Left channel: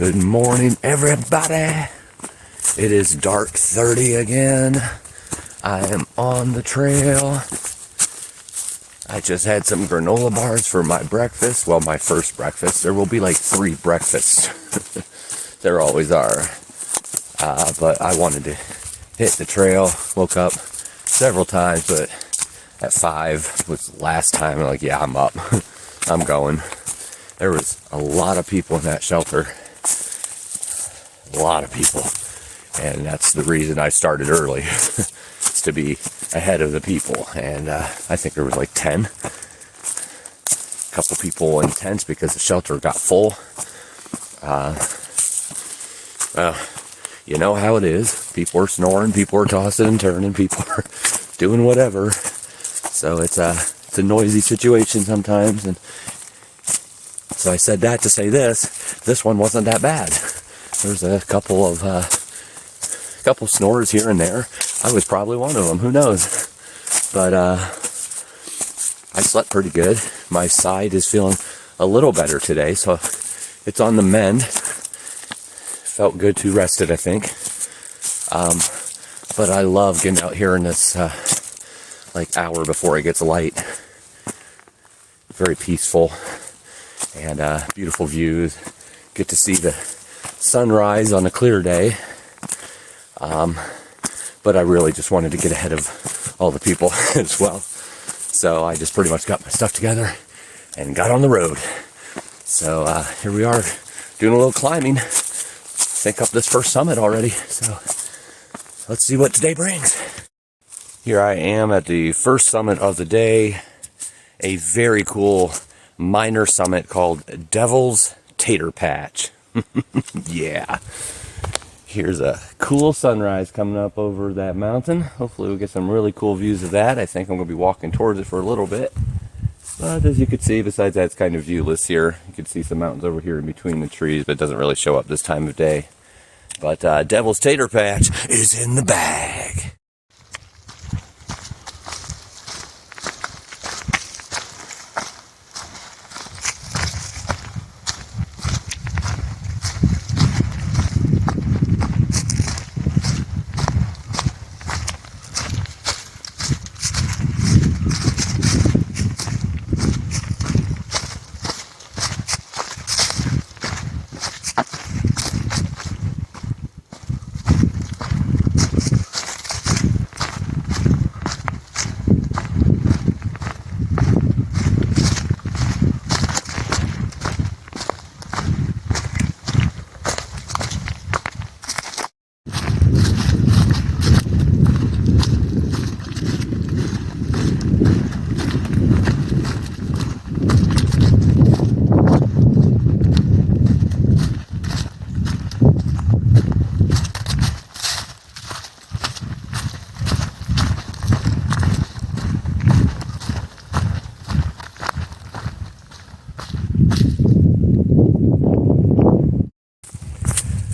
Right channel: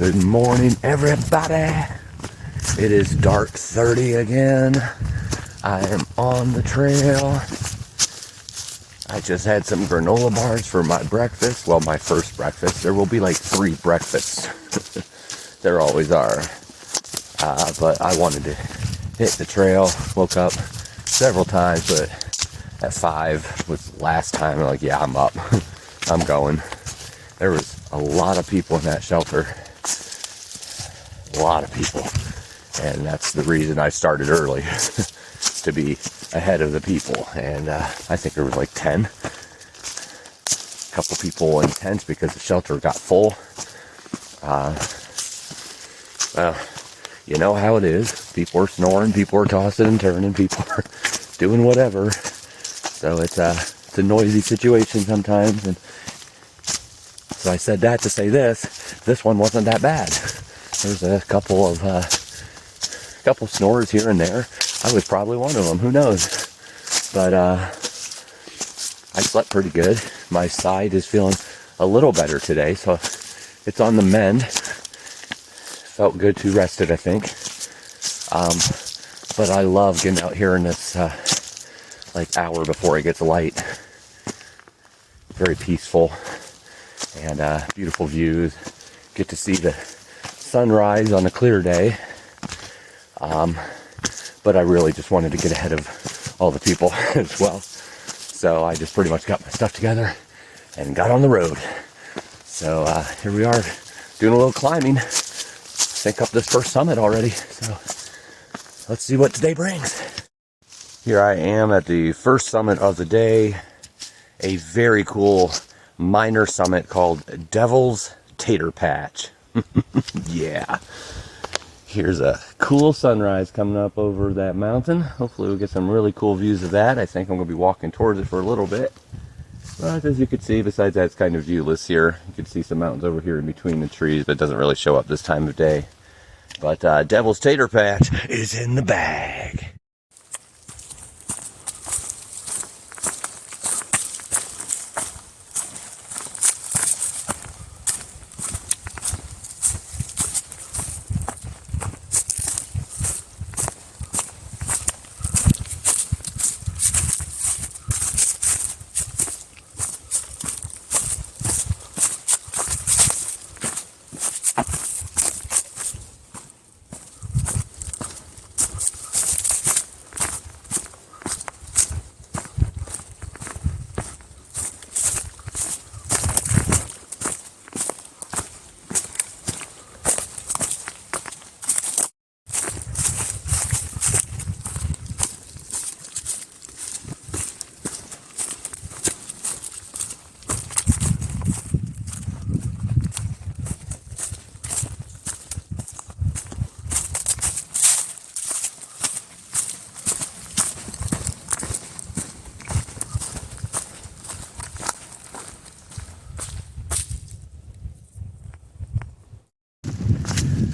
Good morning, everybody. It is dark 30 again. I am on the trail. I just had some granola bars for my breakfast. Well, my first breakfast. There will be like 3 breakfasts. There always are. But I wanted to hit the trail. Woke up several times, but at 5 was the last time. I'm like, yeah, I'm up. I'm going. There was a lot of people in that shelter. A lot of people. And that's the reason I started early. To be ahead of the people. And I think there was like 10. A couple people in tents because the shelter got full. You know how it is. People are snoring, people are tossing and turning, people are doing whatever. So it's a noisy situation sometimes. And so I said that to say this one wasn't that bad. There's a couple snores here and there. I was probably one of them, who knows? But I slept pretty good. My side is feeling a little better today, so it's on the mend. Felt good to rest it, I think. But I love getting out here in this like hour before it gets light. Very peaceful and beautiful views. Get to see the sunrise on a clear day. But I really just wanted to get ahead of all the people as well. So I just pretty much got my stuff together and got on the road. So here we are doing a little climbing. Think up this first summit already. So let's see what today brings. Here I am at the first summit of the day. A very cool minor summit called Devil's Tater Patch. Yeah. Here's a cool sunrise coming up over that mountain. Hopefully we'll get some really cool views of that. I think I'm going to be walking towards it for a little bit. But as you can see, besides that, it's kind of viewless here. You can see some mountains over here in between the trees, but it doesn't really show up this time of day. But Devil's Tater Patch is in the bag.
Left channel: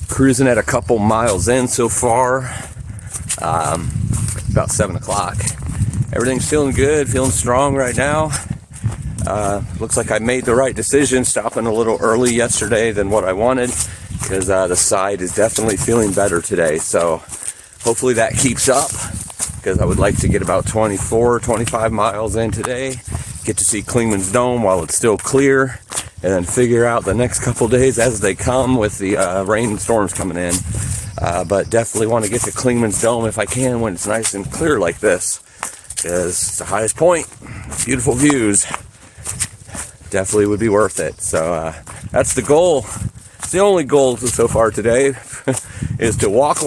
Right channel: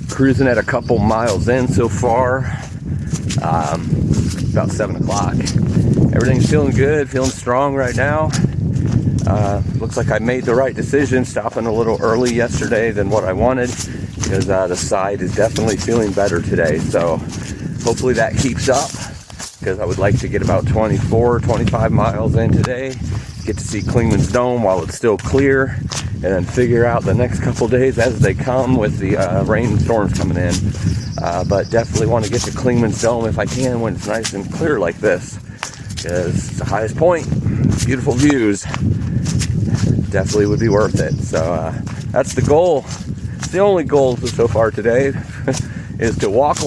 Cruising at a couple miles in so far, about 7 o'clock. Everything's feeling good, feeling strong right now. Looks like I made the right decision stopping a little early yesterday than what I wanted, because the side is definitely feeling better today. So hopefully that keeps up, because I would like to get about 24, 25 miles in today, get to see Clingman's Dome while it's still clear, and then figure out the next couple days as they come with the rain and storms coming in. But definitely want to get to Clingman's Dome if I can when it's nice and clear like this, because it's the highest point, beautiful views. Definitely would be worth it. So that's the goal. It's the only goal so far today is to walk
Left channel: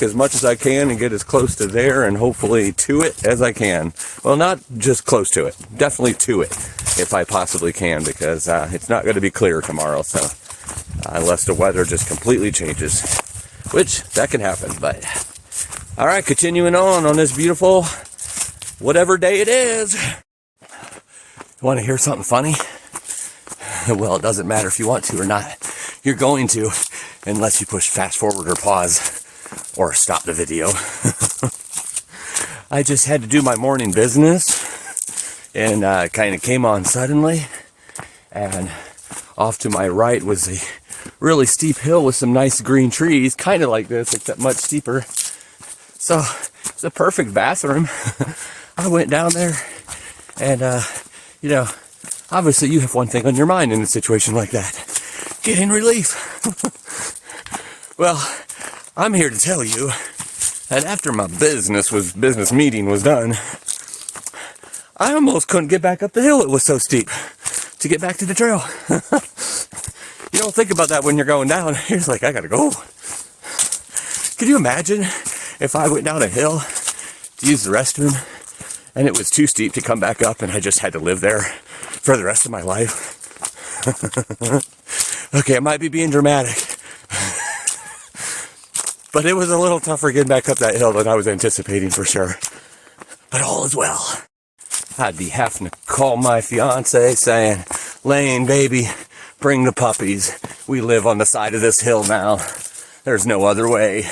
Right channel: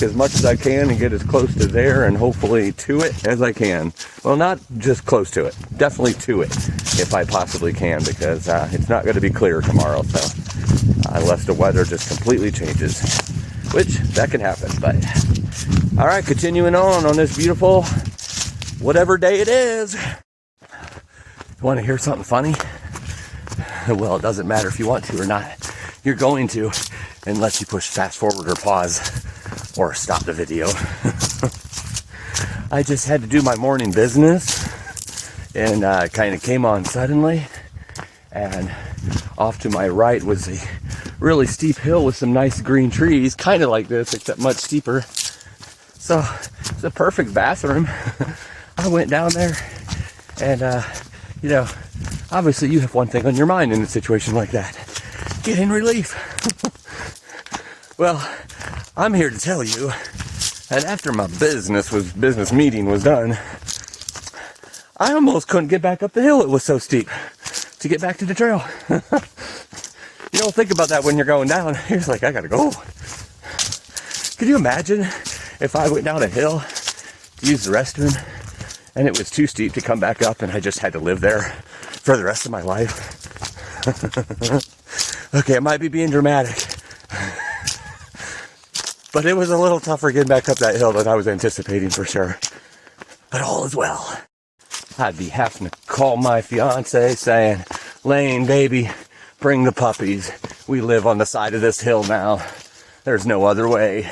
as much as I can and get as close to there and hopefully to it as I can. Well, not just close to it, definitely to it if I possibly can, because it's not going to be clear tomorrow. So unless the weather just completely changes, which that can happen. But all right, continuing on this beautiful whatever day it is. Want to hear something funny? Well, it doesn't matter if you want to or not. You're going to, unless you push fast forward or pause or stop the video. I just had to do my morning business and kind of came on suddenly. And off to my right was the really steep hill with some nice green trees, kind of like this, except much steeper. So it's a perfect bathroom. I went down there and, obviously you have one thing on your mind in a situation like that: getting relief. Well, I'm here to tell you that after my business meeting was done, I almost couldn't get back up the hill. It was so steep to get back to the trail. You don't think about that when you're going down. You're just like, I gotta go. Could you imagine if I went down a hill to use the restroom and it was too steep to come back up and I just had to live there for the rest of my life? Okay, I might be being dramatic, but it was a little tougher getting back up that hill than I was anticipating, for sure. But all is well. I'd be having to call my fiance saying, Lane, baby, bring the puppies. We live on the side of this hill now. There's no other way.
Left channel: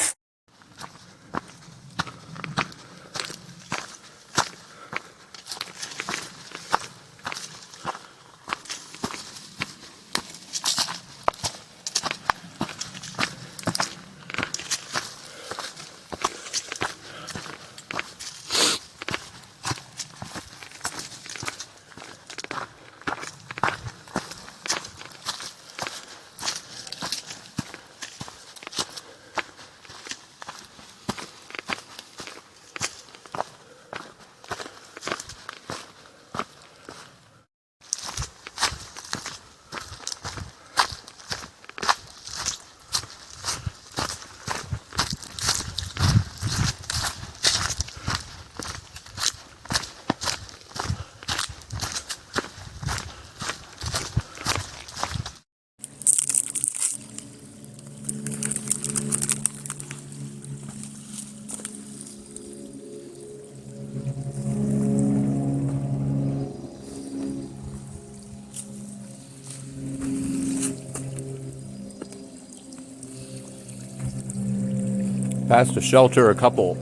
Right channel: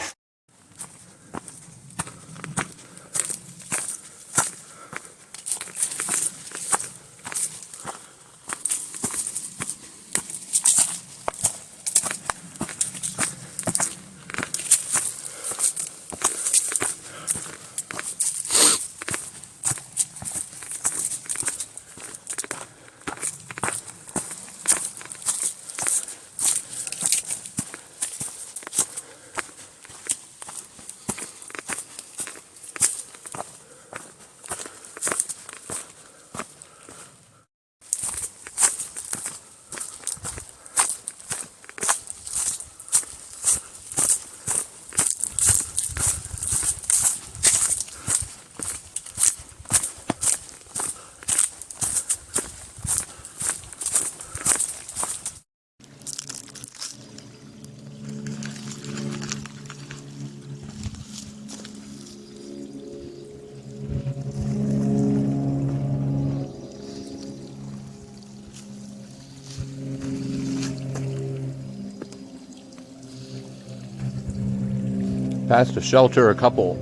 Passed a shelter a couple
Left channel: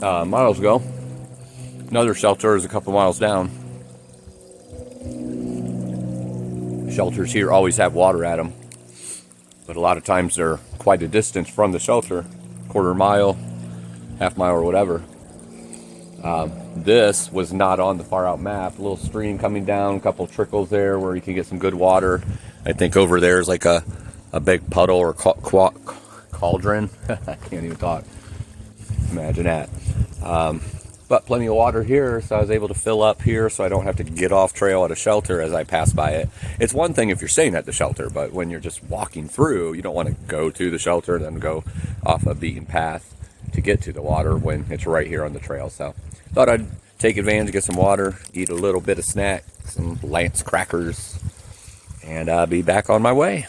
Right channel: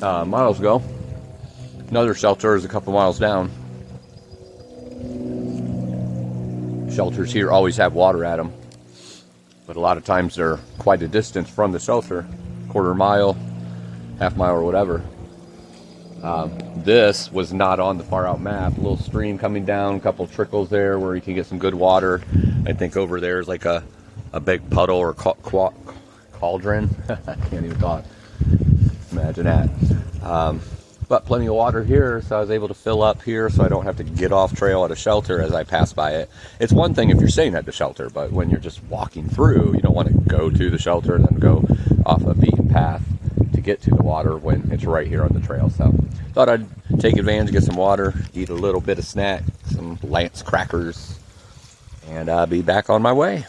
miles ago. Another shelter is a couple miles down. Shelters here always have water at them, but a lot of times they're quite a distance from the shelter, quarter mile, half mile, or whatever. This was not on the far out map. A little stream coming down, a couple trickles there where you can get some good water. I think over there is like a big puddle or cauldron. I can't even talk. Imagine that. But plenty of water here, so I was able to fill up here so I don't have to get off trail at a shelter as I pass by it. It's one thing if you're staying at the shelter, but when you're just walking through, you don't want to go to the shelter and then go off a beaten path to get to the water when it's right here on the trail. So thought I'd take advantage, get some water, eat a little bit of snack, some Lance crackers, and be back on my way.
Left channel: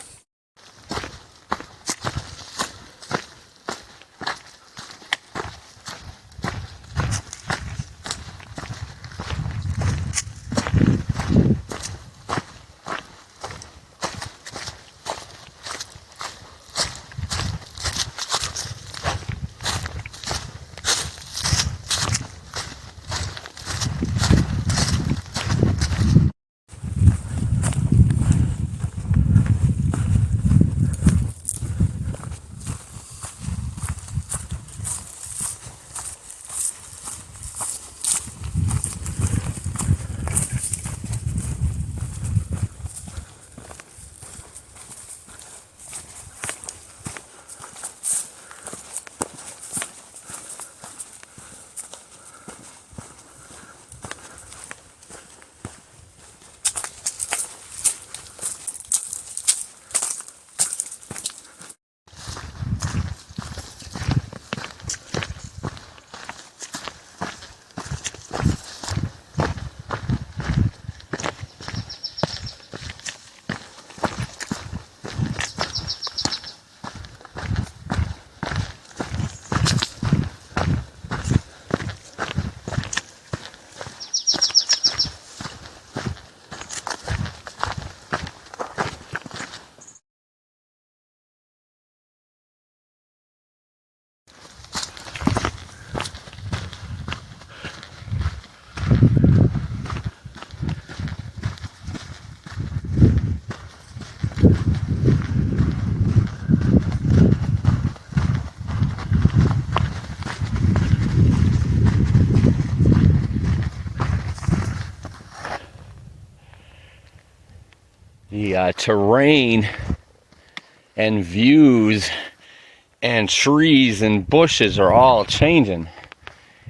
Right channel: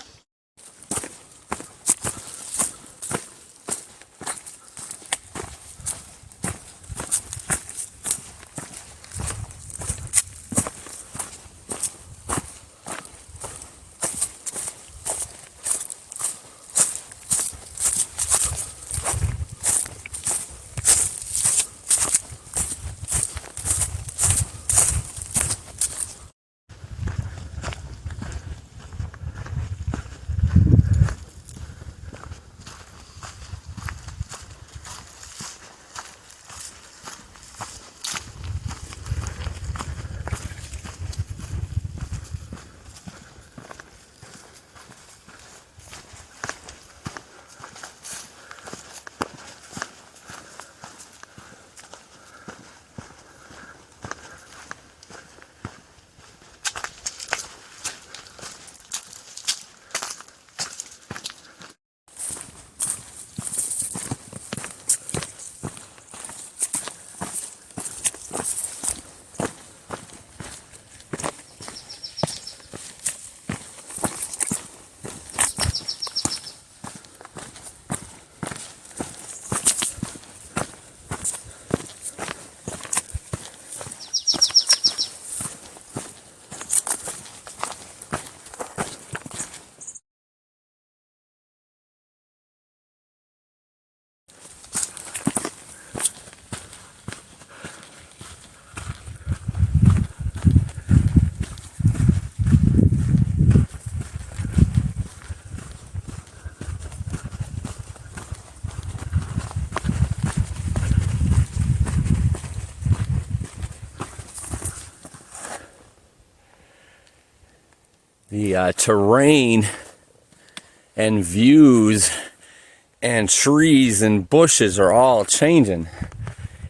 The terrain and views and trees and bushes are all changing.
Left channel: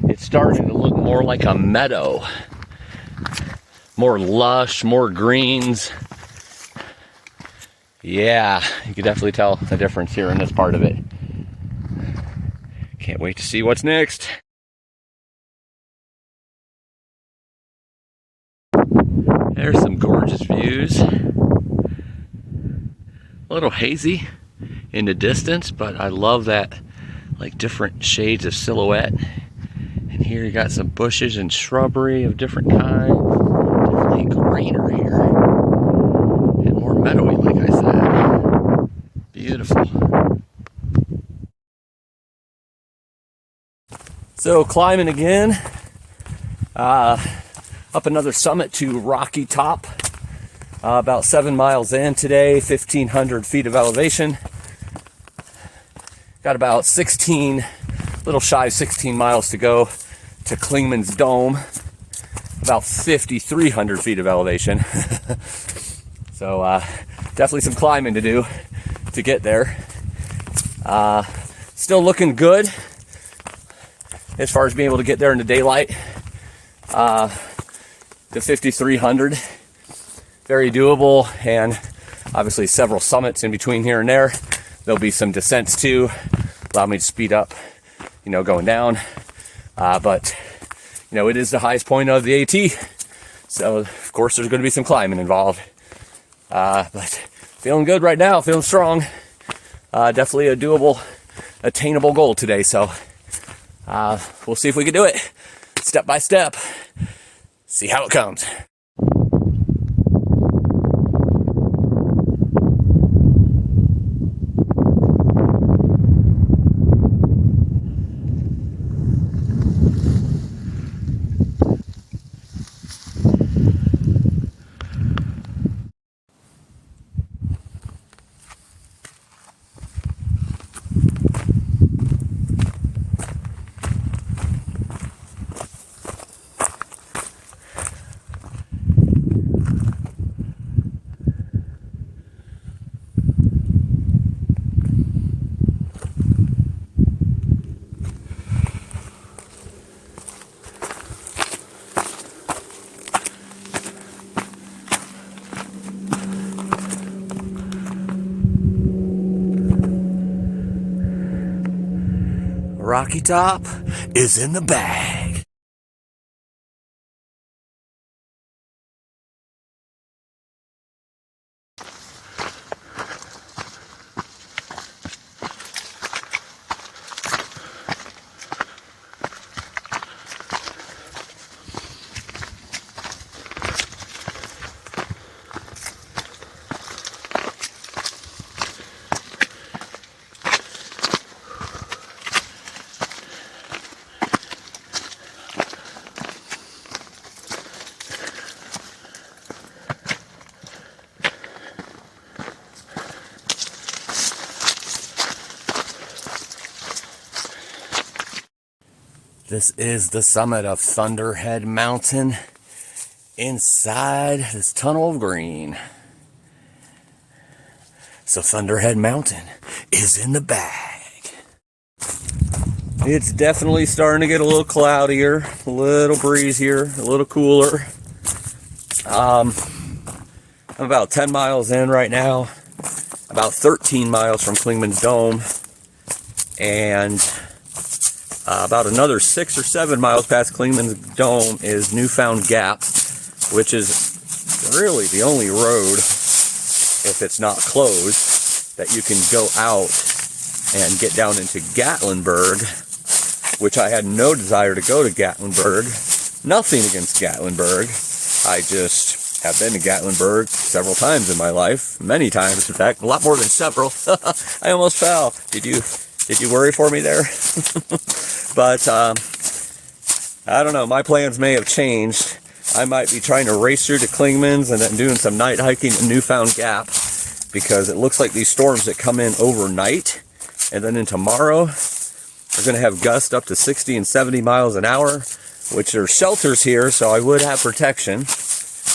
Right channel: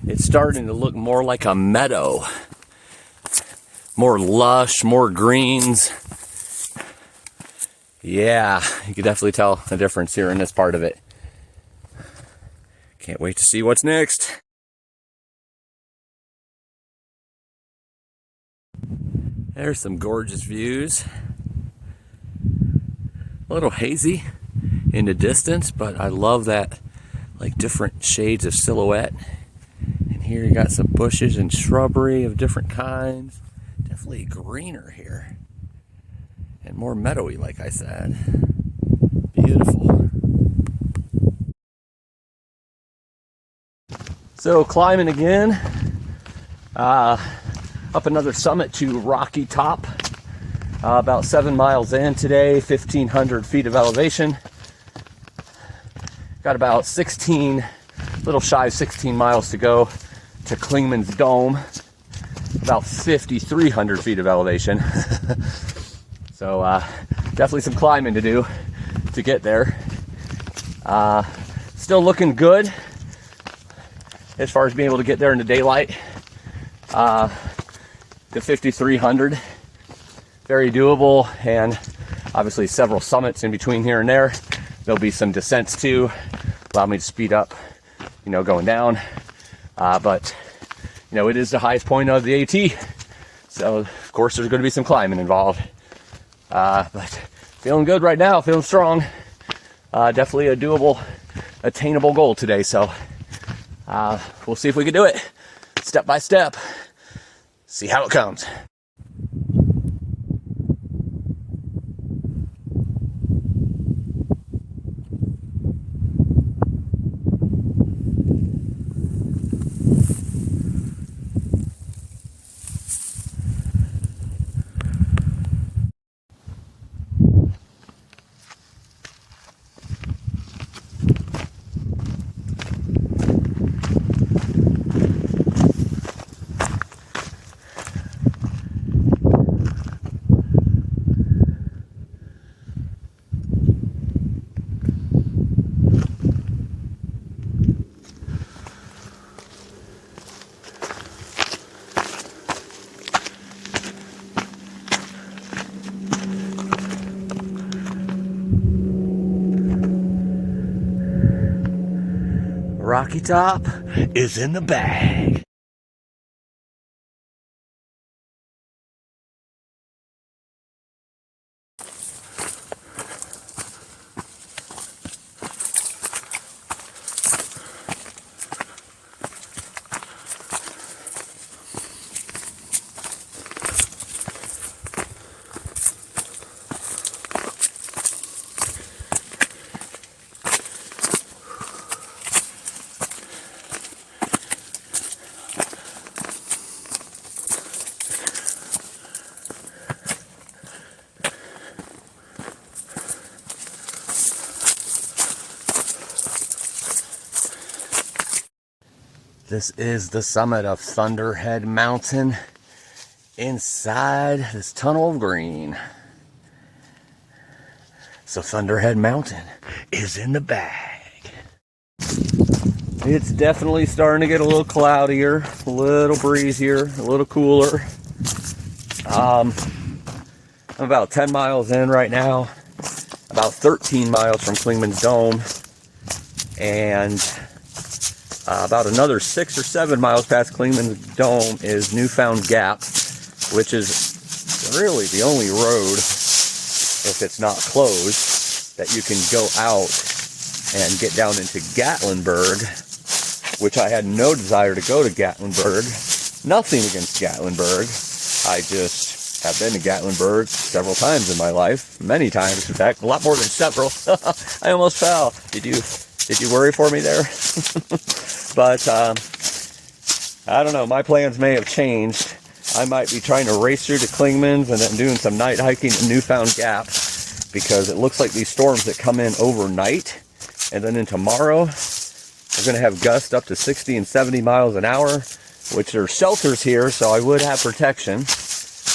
It's starting to look more like a meadow. More lush, more greens. Yeah, you can definitely tell the difference here in this part of it. Can't wait to see what's next. There's some gorgeous views. A little hazy in the distance, but I love that, like, different shades of silhouette. And here you got some bushes and shrubbery of different kinds. Definitely greener here. And more meadowy, like I said. Beautiful. So climbing again. Up another summit to Rocky Top. About 7 miles in today, 1,500 feet of elevation. Got about 16, little shy of 16 miles to go to Clingman's Dome. About 5,300 feet of elevation. So definitely some climbing to do to get there. Still looking good as far as being able to get there in the daylight. The 5,300, very doable, and obviously several summits in between here and there. There'll be some descents too, allow me to speed up, going down. But it is the highest point of the AT, so of course there's going to be some climbing involved. But feeling good right now, feeling strong. Definitely a doable, attainable goal today. So we'll see if we can do it step by step. See how it comes. Rocky Top is in the bag. This is the summit of Thunderhead Mountain inside this tunnel of green. So Thunderhead Mountain is in the bag. It's definitely starting to get a little cloudier, a little breezier, a little cooler. I'm about 10 miles in right now, about 13 miles from Clingman's Dome, and about another 6 or 7 miles past Clingman's Dome is Newfound Gap, which is really the only road, if it's not closed, that you can go out and get down into Gatlinburg, which I had no desire to go to Gatlinburg. Nothing against Gatlinburg. I just have been to Gatlinburg several times in my life, many times, in fact, a lot more than several. I almost fell. Did you worry for me there? But I don't know, my plans may have changed. I might be trying to race through to Clingman's and then doing some night hiking in Newfound Gap, because it looks like these storms that come in overnight and then in tomorrow are going to have gusts up to 60 and 70 miles an hour, which are shelters here, so I would have protection.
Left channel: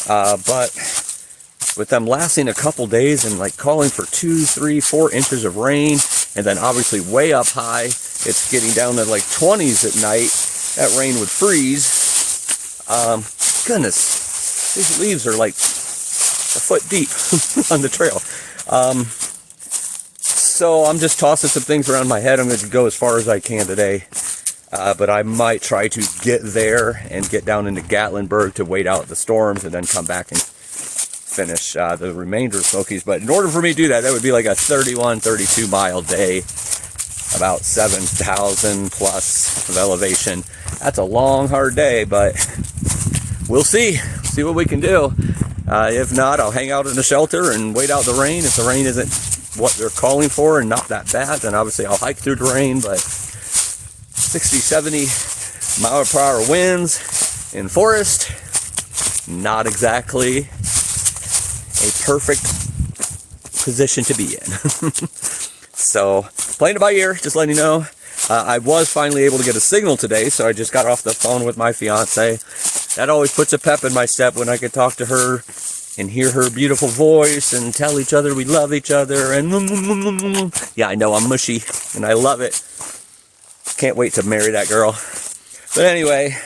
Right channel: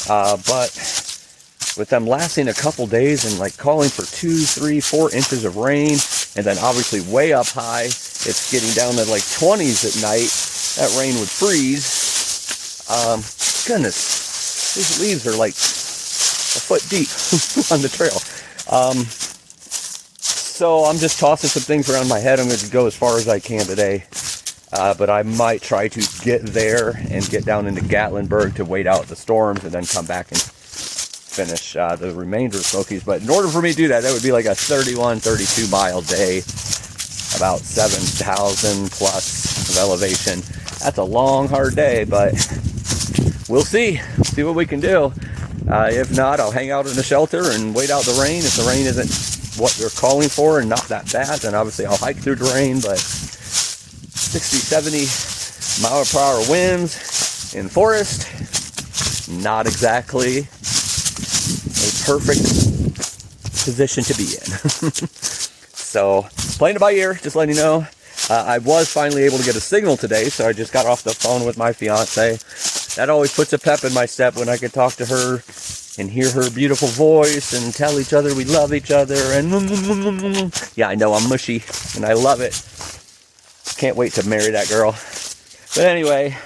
But with them lasting a couple days and like calling for 2, 3, 4 inches of rain, and then obviously way up high, it's getting down to like 20s at night. That rain would freeze. Goodness, these leaves are like a foot deep on the trail. So I'm just tossing some things around my head. I'm going to go as far as I can today. But I might try to get there and get down into Gatlinburg to wait out the storms and then come back and finish the remainder of Smokies. But in order for me to do that, that would be like a 31, 32 mile day, about 7,000 plus of elevation. That's a long, hard day, but we'll see. See what we can do. If not, I'll hang out in the shelter and wait out the rain. If the rain isn't what they're calling for and not that bad, then obviously I'll hike through the rain. But 60, 70 mile per hour winds in forest, not exactly a perfect position to be in. So playing it by ear, just letting you know. I was finally able to get a signal today, so I just got off the phone with my fiance. That always puts a pep in my step when I can talk to her and hear her beautiful voice and tell each other we love each other. And yeah, I know I'm mushy and I love it. Can't wait to marry that girl. But anyway,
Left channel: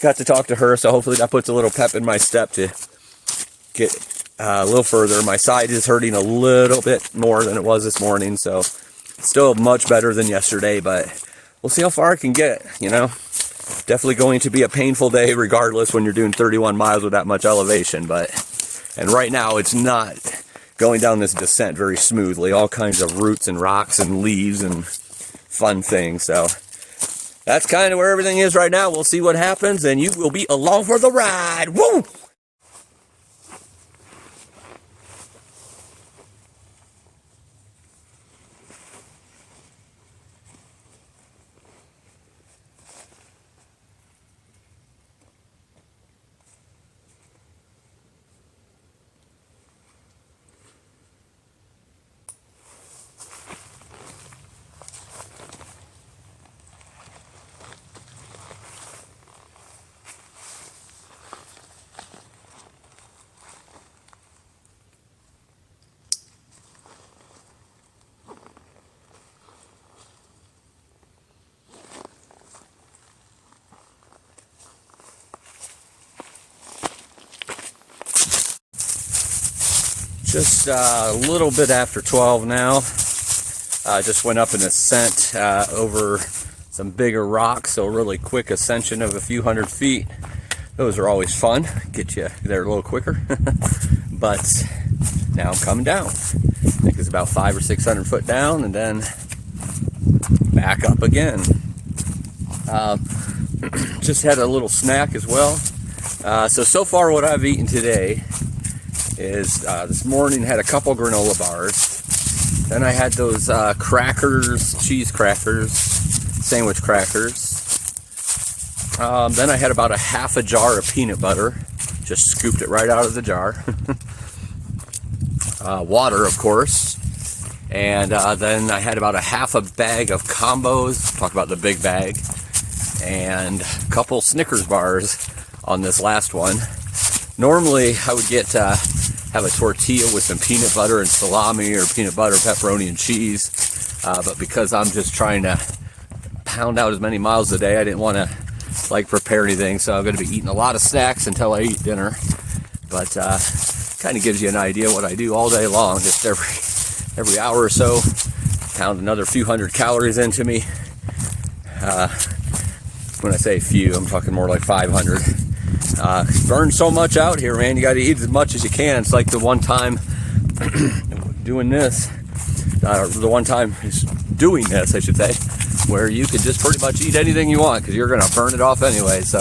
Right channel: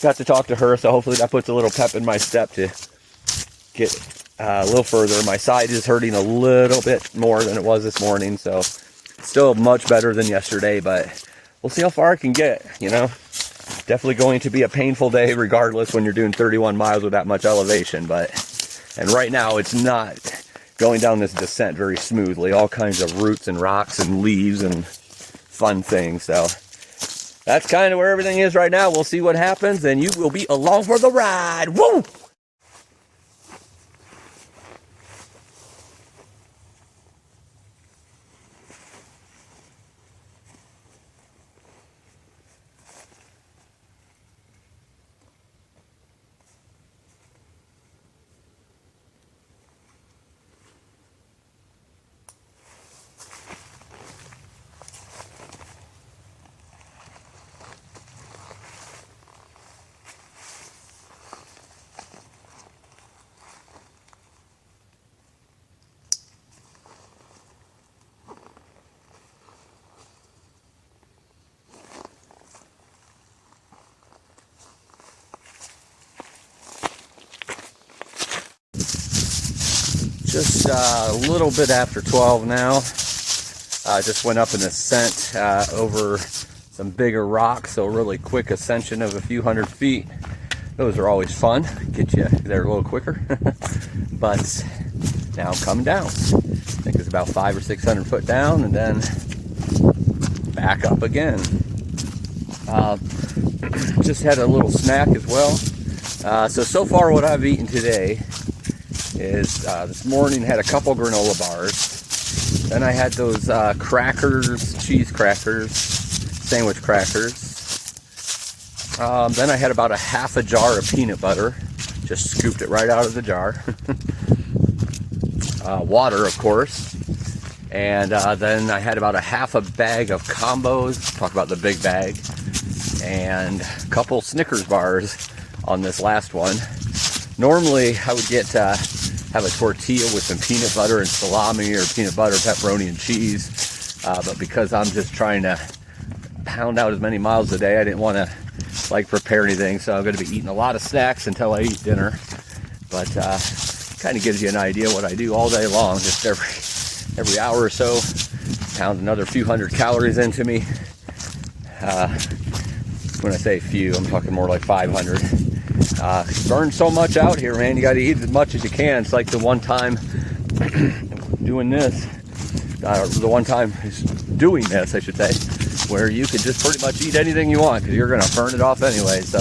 got to talk to her, so hopefully that puts a little pep in my step to get a little further. My side is hurting a little bit more than it was this morning, so still much better than yesterday, but we'll see how far I can get, you know. Definitely going to be a painful day regardless when you're doing 31 miles with that much elevation, and right now it's not going down this descent very smoothly. All kinds of roots and rocks and leaves and fun things. So that's kind of where everything is right now. We'll see what happens, and you will be along for the ride. Woo! Just a little bit after 12 now. Just went up an ascent over some bigger rocks, so a really quick ascension of a few hundred feet. Those are always fun, get you there a little quicker. But now I'm coming down. I think it's about 500 or 600 foot down, and then back up again. Just had a little snack as well. So far what I've eaten today is this morning had a couple granola bars. Then I had those crackers, cheese crackers, sandwich crackers. Then I had about a half a jar of peanut butter. Just scooped it right out of the jar. Water, of course. And then I had about a half a bag of combos. Talk about the big bag. And a couple Snickers bars on this last one. Normally I would get have a tortilla with some peanut butter and salami, or peanut butter, pepperoni, and cheese. But because I'm just trying to pound out as many miles a day, I didn't want to like prepare anything. So I'm going to be eating a lot of snacks until I eat dinner. But kind of gives you an idea what I do all day long. Just every hour or so, pound another few hundred calories into me. When I say few, I'm talking more like 500. Burn so much out here, man. You got to eat as much as you can. It's like the one time doing this, I should say, where you can just pretty much eat anything you want because you're going to burn it off anyway. So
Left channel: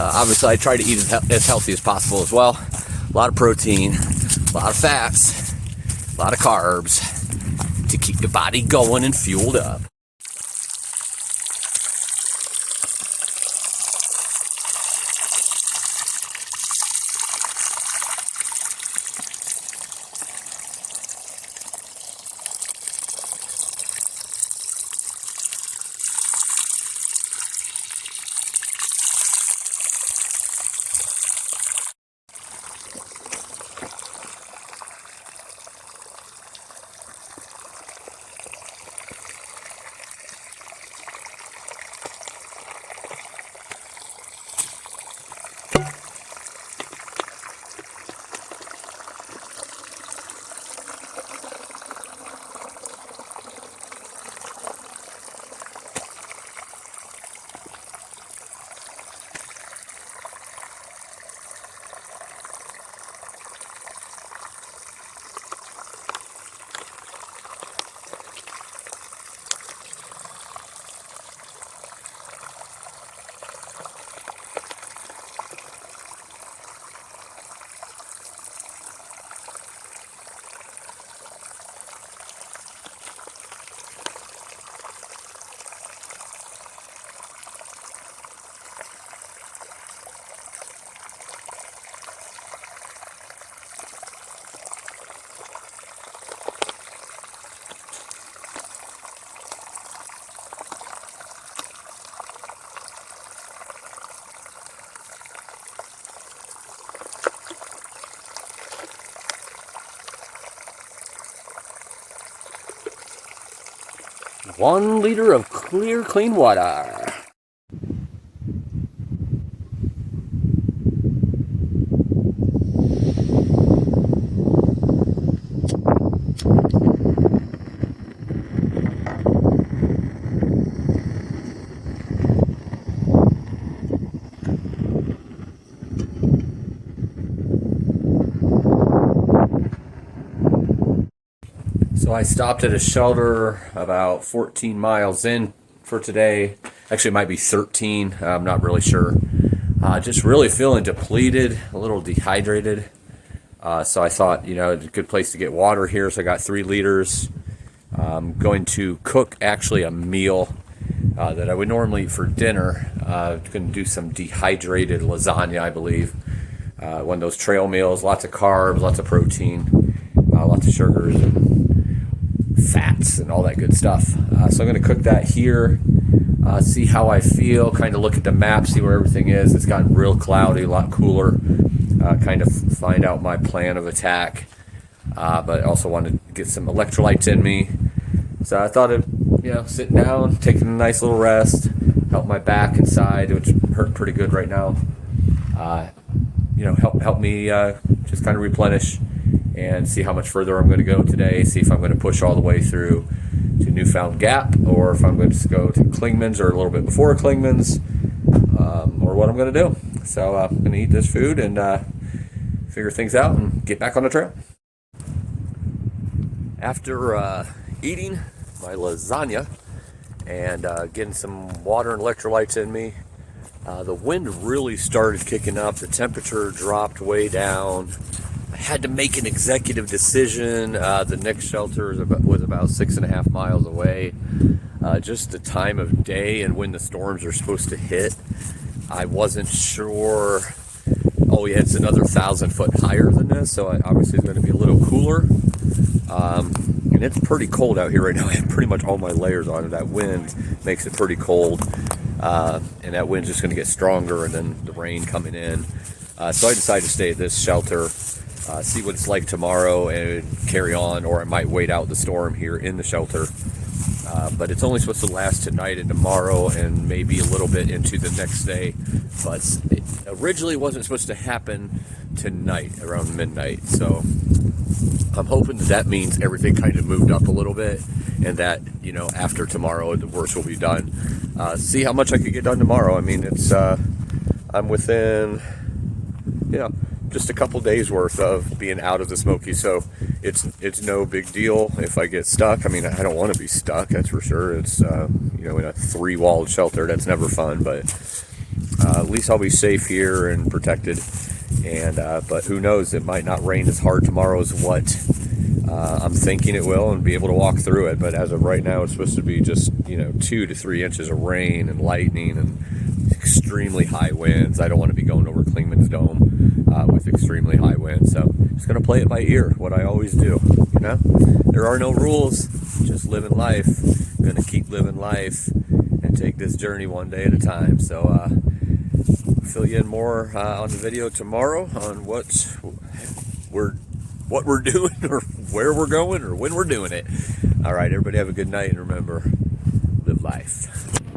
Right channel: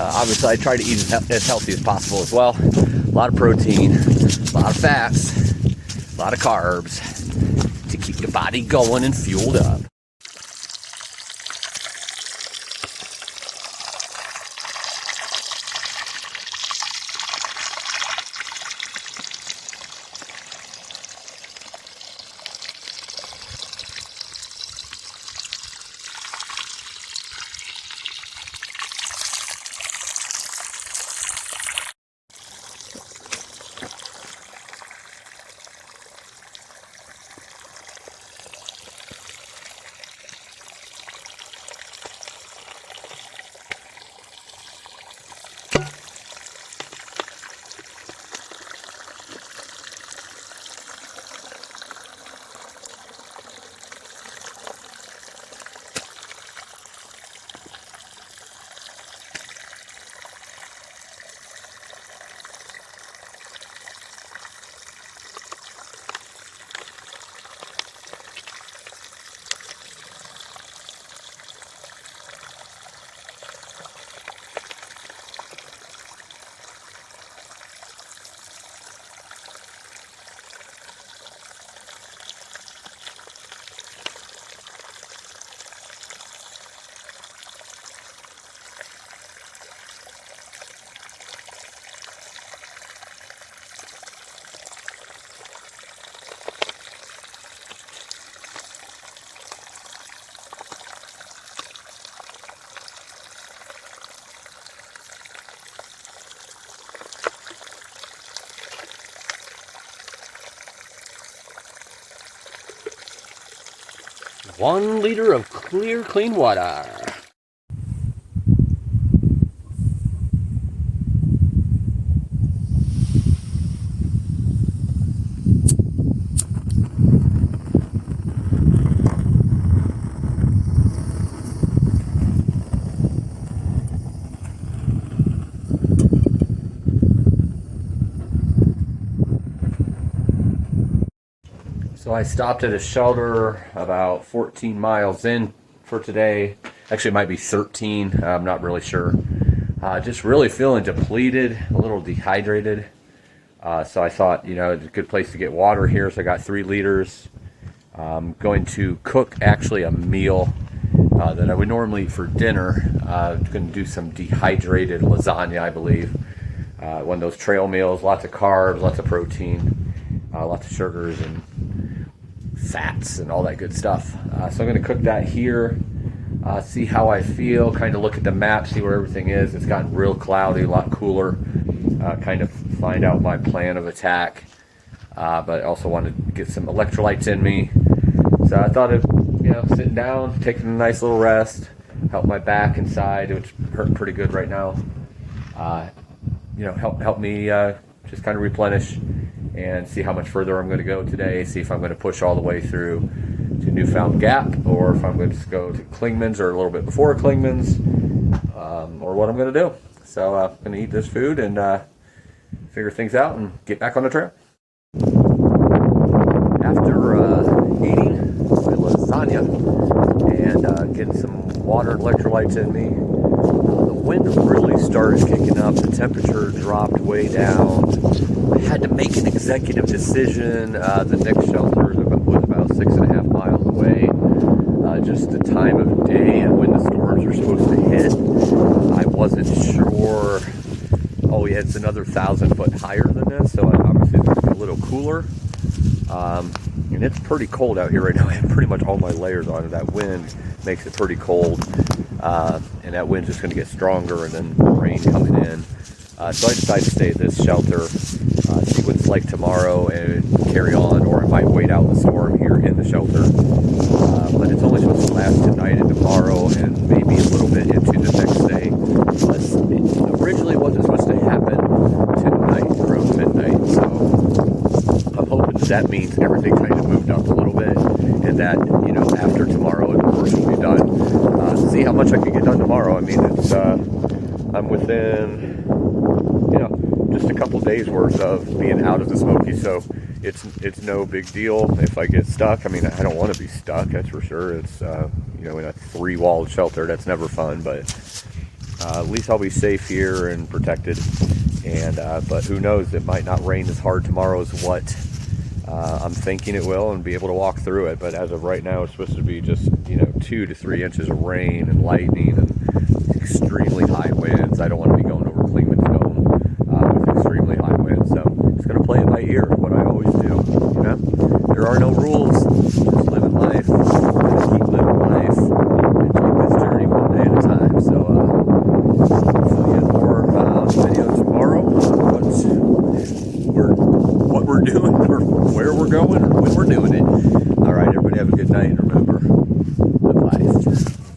obviously I try to eat as healthy as possible as well. A lot of protein, a lot of fats, a lot of carbs to keep the body going and fueled up. 1 liter of clear, clean water. So I stopped at a shelter about 14 miles in for today. Actually, it might be 13. I'm not really sure. Just really feeling depleted, a little dehydrated. So I thought, it's a good place to get water here. So I got 3 liters. I'm going to cook actually a meal that I would normally eat for dinner. I'm going to do some dehydrated lasagna, I believe. One of those trail meals, lots of carbs, lots of protein, lots of sugars and fats and all that good stuff. So I'm going to cook that here, see how I feel, kind of look at the map, see where everything is. It's gotten real cloudy, a lot cooler, kind of find out my plan of attack, but I also want to get some electrolytes in me. So I thought of, sitting down, taking a nice little rest, help my back and side, which hurt pretty good right now. Help me just kind of replenish and see how much further I'm going to go today, see if I'm going to push all the way through to Newfound Gap, or if I'm going to go to Klingman's or a little bit before Klingman's, or what I'm going to do. So I'm going to eat this food and figure things out and get back on the trail. After eating my lasagna and getting some water and electrolytes in me, the wind really started kicking up. The temperature dropped way down. I had to make an executive decision. The next shelter was about 6.5 miles away. Just the time of day and when the storms are supposed to hit, I wasn't sure. Oh yeah, it's another 1,000 foot higher than this, so obviously it's going to be a little cooler. And it's pretty cold out here right now. I have pretty much all my layers on. That wind makes it pretty cold. And that wind's just going to get stronger, and then the rain coming in. So I decided to stay at this shelter, see what it's like tomorrow, and carry on, or I might wait out the storm here in the shelter. But it's only supposed to last tonight and tomorrow, and maybe a little bit into the next day. But originally it wasn't supposed to happen tonight around midnight, so I'm hoping that means everything kind of moved up a little bit, and that, after tomorrow the worst will be done. See how much I can get done tomorrow. I mean, it's I'm within just a couple days worth of being out of the Smokies, so it's no big deal if I get stuck. I mean, I don't want to be stuck, that's for sure. It's in a 3-walled shelter. That's never fun, but at least I'll be safe here and protected. And but who knows, it might not rain as hard tomorrow as what I'm thinking it will, and be able to walk through it. But as of right now, it's supposed to be just 2 to 3 inches of rain and lightning and extremely high winds. I don't want to be going over Klingman's Dome with extremely high winds, so I'm just going to play it by ear, what I always do. There are no rules, just living life. I'm going to keep living life and take this journey one day at a time. So I'll fill you in more on the video tomorrow on what we're doing, or where we're going, or when we're doing it. All right, everybody have a good night, and remember, live life.